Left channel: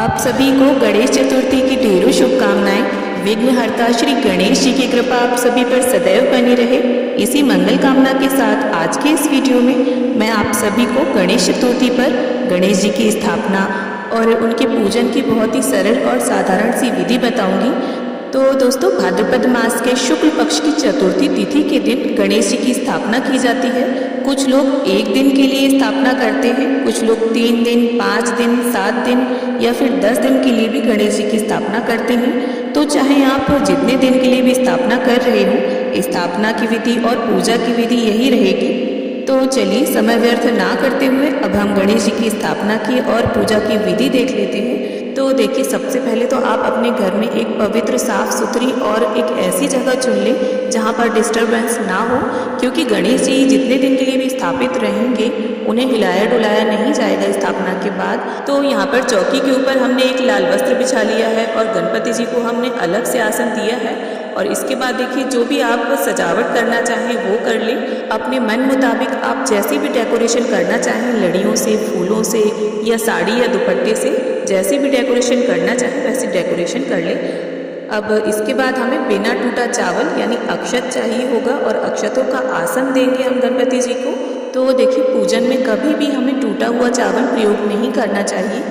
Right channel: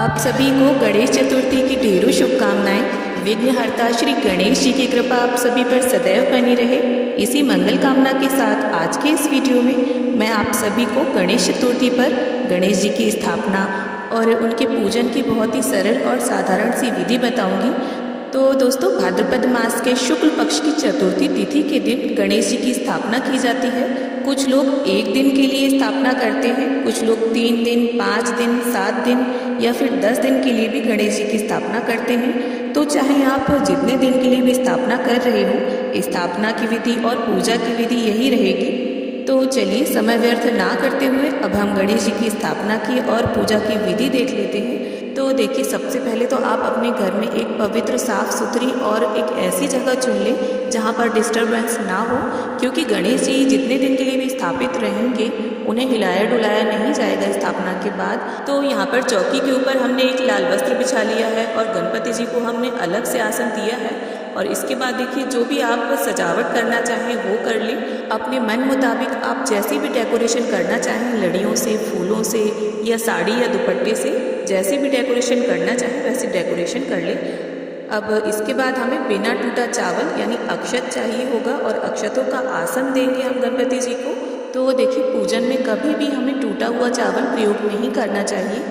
आप सभी को गणेश चतुर्थी की ढेरों शुभकामनाएं। विघ्नहर्ता श्री गणेश जी की कृपा आप सभी पर सदैव बनी रहे। इसी मंगल कामना के साथ आज के इस वीडियो में मैं आप सभी को गणेश चतुर्थी पर गणेश जी की स्थापना और उनके पूजन की बहुत ही सरल और साधारण सी विधि बताऊंगी। तो दोस्तों, भाद्रपद मास के शुक्ल पक्ष की चतुर्थी तिथि के दिन गणेश जी की स्थापना की जाती है। कुछ लोग एक दिन के लिए स्थापना करते हैं, कुछ लोग 3 दिन, 5 दिन, 7 दिन या फिर 10 दिन के लिए भी गणेश जी की स्थापना करते हैं। तो चाहे आप जितने दिन के लिए भी स्थापना कर रहे हो, स्थापना की विधि और पूजा की विधि यही रहेगी। तो चलिए समय व्यर्थ ना करते हुए अब हम गणेश जी की स्थापना की और पूजा की विधि देख लेते हैं। तो देखिए, सबसे पहले तो आप अपने घर में एक पवित्र, साफ सुथरी और एक ऐसी जगह चुन लें जहाँ पर डिस्टरबेंस ना हो, क्योंकि गणेश जी जितने दिन के लिए भी स्थापित रहेंगे उन्हें हिलाया डुलाया नहीं जाएगा स्थापना के बाद। तो यहाँ पर चौकी के ऊपर हमने एक लाल वस्त्र बिछा लिया है और गणपति जी को हमने अलग से आसन दिया है। और इसके बाद देखिए, जो भी आप सजावट करना चाहें वो कर लें। अपने मन मुताबिक आप जैसे भी डेकोरेशन करना चाहें, लड़ियों से, फूलों से या साड़ी या दुपट्टे से, जैसे भी डेकोरेशन करना चाहें वैसे डेकोरेशन कर लें। अब इसके बाद हमें बिना टूटा चावल यानी अक्षत चाहिए होगा और अक्षतों का आसन देंगे हम गणपति जी को। तो देखिए, पूजन में कभी भी हमें टूटा हुआ चावल प्रयोग नहीं करना चाहिए।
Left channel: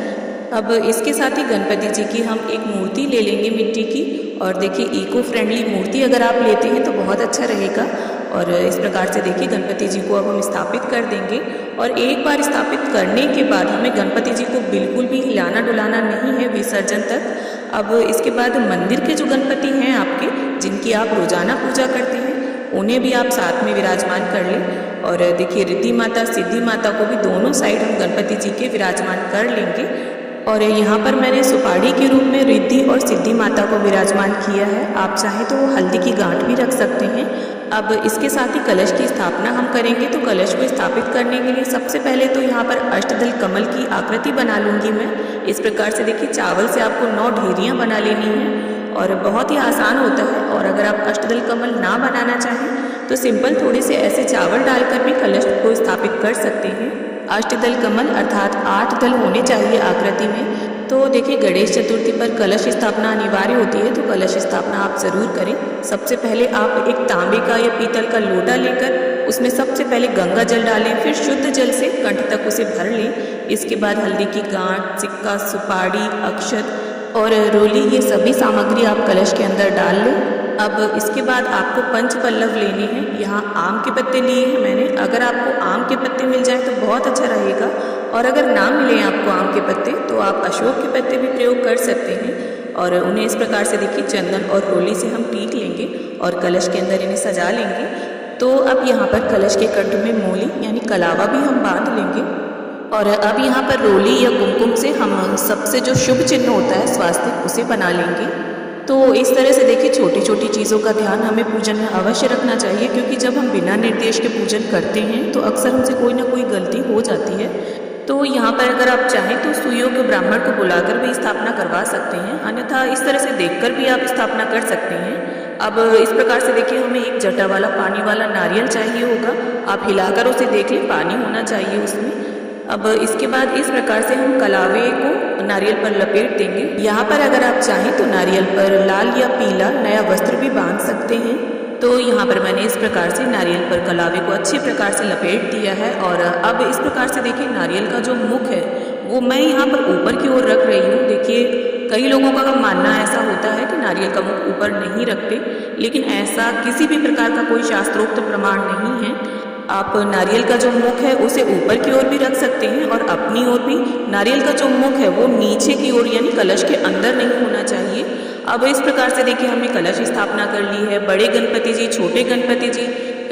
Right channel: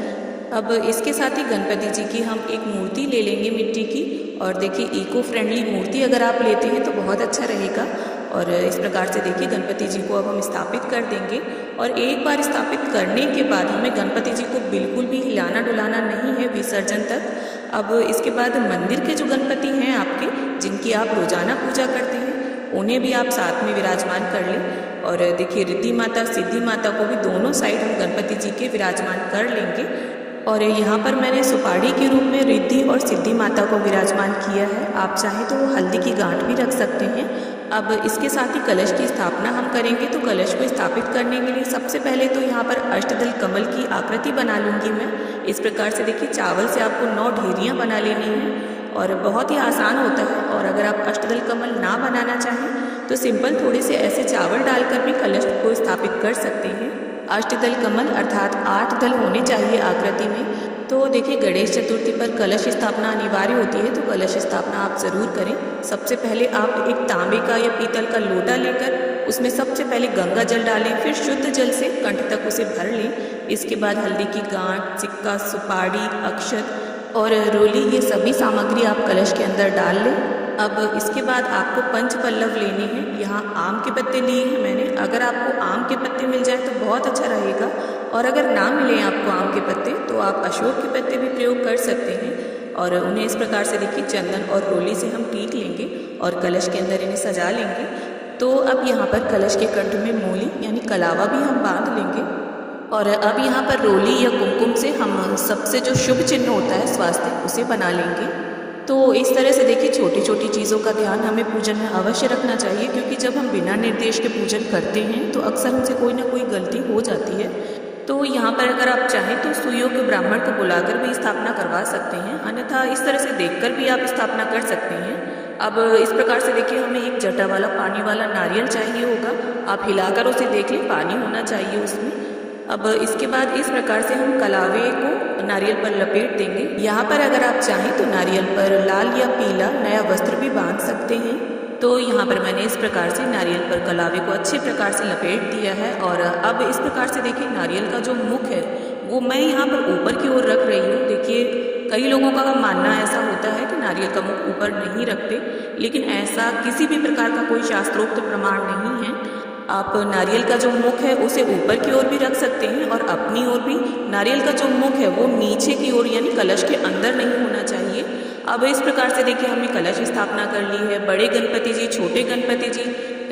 अब इसके साथ ही गणपति जी की हम एक मूर्ति ले लेंगे मिट्टी की। और देखिए, इको फ्रेंडली मूर्ति अगर आप लेते हैं तो बहुत अच्छा रहेगा। और इस प्रकार से देखिए, गणपति जी को अब हम स्थापित कर देंगे। और एक बार स्थापित करने के बाद हमें गणपति जी को बिल्कुल भी हिलाना डुलाना नहीं है विसर्जन तक। अब इसके बाद मंदिर के जो गणपति हैं आपके, जिनकी आप रोजाना पूजा करते हैं, उन्हें भी आप साथ में विराजमान कर लें। और देखिए, रिद्धि माता, सिद्धि माता को भी दोनों साइड हम गणपति जी के विराजमान कर लेंगे। और यहाँ पर मैंने सुपाड़ी के रूप में रिद्धि और सिद्धि माता को विराजमान किया है। आप चाहें तो हल्दी की गांठ भी रख सकते हैं। अब इसके साथ ही कलश की स्थापना हम करेंगे। तो कलश को स्थापित करने के लिए सबसे पहले तो यहाँ पर अष्टदल कमल की आकृति बना लूँगी मैं। इस प्रकार से देखिए, चावल से आपको 9 ढेरियाँ बना लेनी हैं और बहुत ही आसान होता है। और अगर आप अष्टदल कमल ना बनाना चाहें तो सिंपल थोड़े से ऐसे चावल डालकर भी कलश को स्थापित कर सकते हैं। अष्टदल कमल अर्थात 8 दल होने चाहिए आकृति में। तो देखिए, गणेश चतुर्थी पर कलश स्थापना अनिवार्य होती है, तो कलश स्थापना आप ज़रूर करें। सबसे पहले आप एक तांबे का या पीतल का लोटा लेकर उसमें सबसे पहले गंगा जल डालें, फिर शुद्ध जल से कंठ तक उसे भर लें। इसके बाद हल्दी की गांठ, सिक्का, सुपाड़ी, अक्षत और रोली, ये सभी सामग्री आप कलश के अंदर डाल लें। अब इसके बाद आपको पंच पल्लव लेने हैं। यहाँ आम के पत्ते लिए हैं मैंने। अगर आपको आम के पत्ते मिल जाए तो बहुत अच्छा रहेगा, और अगर ना मिले आपको आम के पत्ते तो आप अशोक के पत्ते भी प्रयोग कर सकते हैं। और उन्हें इस प्रकार से देखिए, चंदन और रोली से हम टीक लेंगे और कलश के अंदर इन्हें सजा लेंगे। तो अब यहाँ पर कलश के कंठ में मोली यानी कलावा भी हम बांध लेंगे। और अब यहाँ पर रोली या कुमकुम से हम सबसे जो शुभ चिन्ह होता है स्वास्थ्य, उसे बना लेंगे। तो इस तरह से देखिए, छोटी छोटी चीज़ों का ध्यान हमें पूजन में अवश्य रखना चाहिए, क्योंकि जब हम बिना निर्देश के पूजन करते हैं तो अक्सर हमसे कोई ना कोई गलती हो जाती है। तो यहाँ पर अगर आप चाहें तो सुयोग्य ब्राह्मण को बुलाकर भी स्थापना करवा सकते हैं, अन्यथा इस तरह से देखकर भी आप स्थापना कर सकते हैं। अब इस प्रकार से देखिए, हमें एक जटा वाला पानी वाला नारियल चाहिए होगा। आप हिलाकर उसे देख लें, पानी होना चाहिए उसमें। अब इसके बाद इस प्रकार से हम कलावे को नारियल पर लपेट देंगे। यहाँ पर अगर आप चाहें तो नारियल पर लाल या पीला नया वस्त्र भी बांध सकते हैं। तो यहाँ पर मैंने इस प्रकार से नारियल पर कलावे को अच्छे प्रकार से लपेट दिया है। और अब इस प्रकार से देखिए, नारियल का जो मुख है वो मैं यहाँ पर ऊपर की ओर रख रही हूँ। देखिए, कई लोगों का मानना ऐसा होता है कि नारियल का मुख ऊपर नहीं रखते, लेकिन ऐसा किसी भी प्रकार का कोई शास्त्रोक्त प्रमाण नहीं है। आप नारियल का जो मुख है उसे ऊपर की ओर भी रख सकते हैं, और अपनी ओर भी नारियल का जो मुख है वो नीचे की ओर यानी कलश के अंदर नहीं होना चाहिए। अब इस प्रकार से देखिए, हमने कलश स्थापना कर ली है। बड़े गणपति जी, छोटे गणपति जी,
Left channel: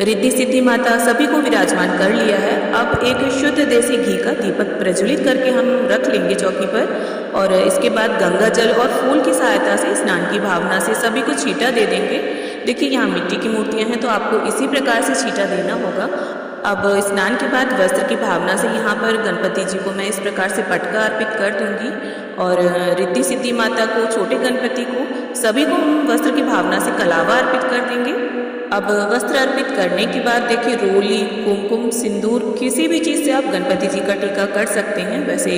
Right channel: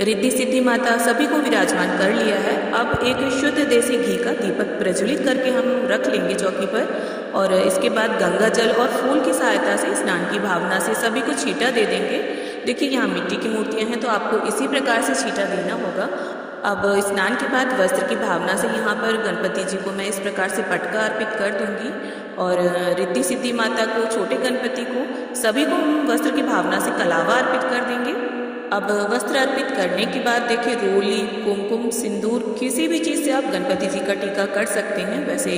रिद्धि सिद्धि माता सभी को विराजमान कर लिया है। अब एक शुद्ध देसी घी का दीपक प्रज्वलित करके हम रख लेंगे चौकी पर। और इसके बाद गंगा जल और फूल की सहायता से स्नान की भावना से सभी को छींटा दे देंगे। देखिए, यहाँ मिट्टी की मूर्तियाँ हैं तो आपको इसी प्रकार से छींटा देना होगा। अब स्नान के बाद वस्त्र की भावना से यहाँ पर गणपति जी को मैं इस प्रकार से पटका अर्पित कर दूंगी। और रिद्धि सिद्धि माता को, छोटे गणपति को, सभी को हम वस्त्र की भावना से कलावा अर्पित कर देंगे। अब वस्त्र अर्पित करने के बाद देखिए, रोली, कुमकुम, सिंदूर, किसी भी चीज़ से आप गणपति जी का टीका कर सकते हैं। वैसे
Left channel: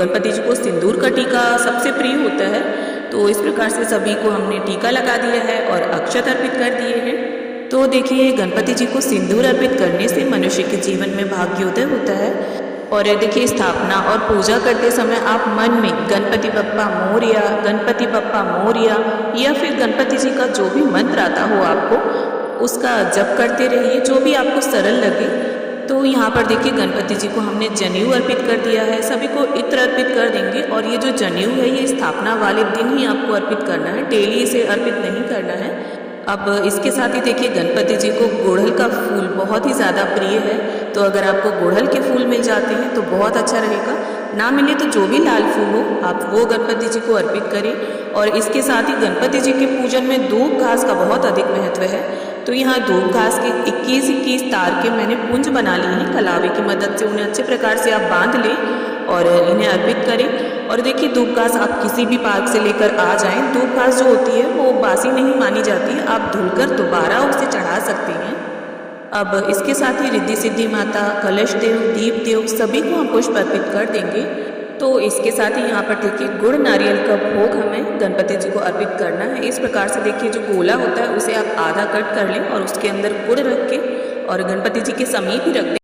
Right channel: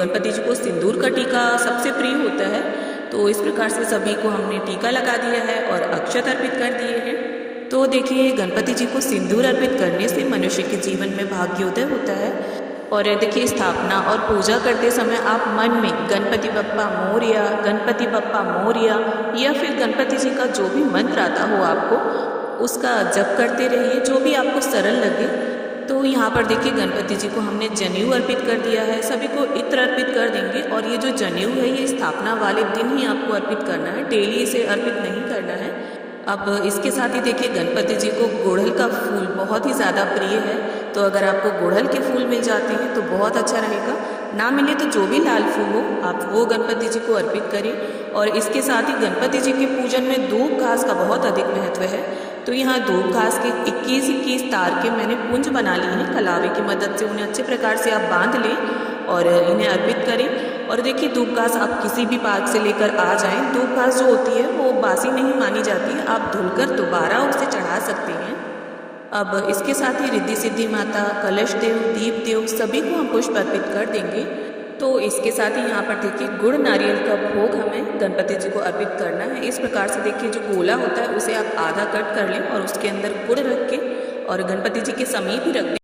गणपति जी को सिंदूर का टीका का सबसे प्रिय होता है। तो इस प्रकार से सभी को हमने टीका लगा दिया है और अक्षत अर्पित कर दिए हैं। तो देखिए, गणपति जी को सिंदूर अर्पित करने से मनुष्य के जीवन में भाग्योदय होता है। और देखिए, स्थापना और पूजा करते समय आप मन में गणपति बप्पा मोरया, गणपति बप्पा मोरया या फिर गणपति जी का जो भी मंत्र आता हो आपको, उसका जप करते रहिए, जो भी आपको सरल लगे। तो यहाँ पर देखिए, गणपति जी को हमने जनेऊ अर्पित कर दिया है, सभी को इत्र अर्पित कर देंगे। और ये जो जनेऊ है ये स्थापना वाले दिन ही आपको अर्पित करना है, डेली इसे अर्पित नहीं करना है। अब इसके साथ ही देखिए, गणपति जी को गुड़हल का फूल बहुत ही ज़्यादा प्रिय है। तो अगर आपको गुड़हल के फूल मिल जाते हैं तो बहुत अच्छा रहेगा, ना मिले तो जो भी लाल फूल हो आप वो गणपति जी को अर्पित करें। और इसके साथ ही गणपति जी के पूजन में धूप घास का बहुत अधिक महत्व है। तो यहाँ धूप घास के 21-21 तार के मैंने पुंज बना लिए हैं, कलावे की मदद से उन्हें अच्छे प्रकार से आप बांध लें और इन्हें अर्पित करें। और देखिए, धूप घास आप किसी भी पार्क से लेकर आ जाएं, धूप घास जो होती है वो बासी नहीं मानी जाती है, आप धुलकर दोबारा उसे चढ़ा सकते हैं। अब इसके साथ ही रिद्धि सिद्धि माता, कलश देव, दीप देव सभी को हम पुष्प अर्पित कर देंगे। तो इसके साथ ही यहाँ पर देखिए, गुड़ नारियल का भोग हमें गणपति जी को अर्पित करना है। इस प्रकार से देखिए, जो गोला होता है उसे आप आधा कट कर लें और उसके अंदर गुड़ रख के और गणपति जी के समीप ही रख दें।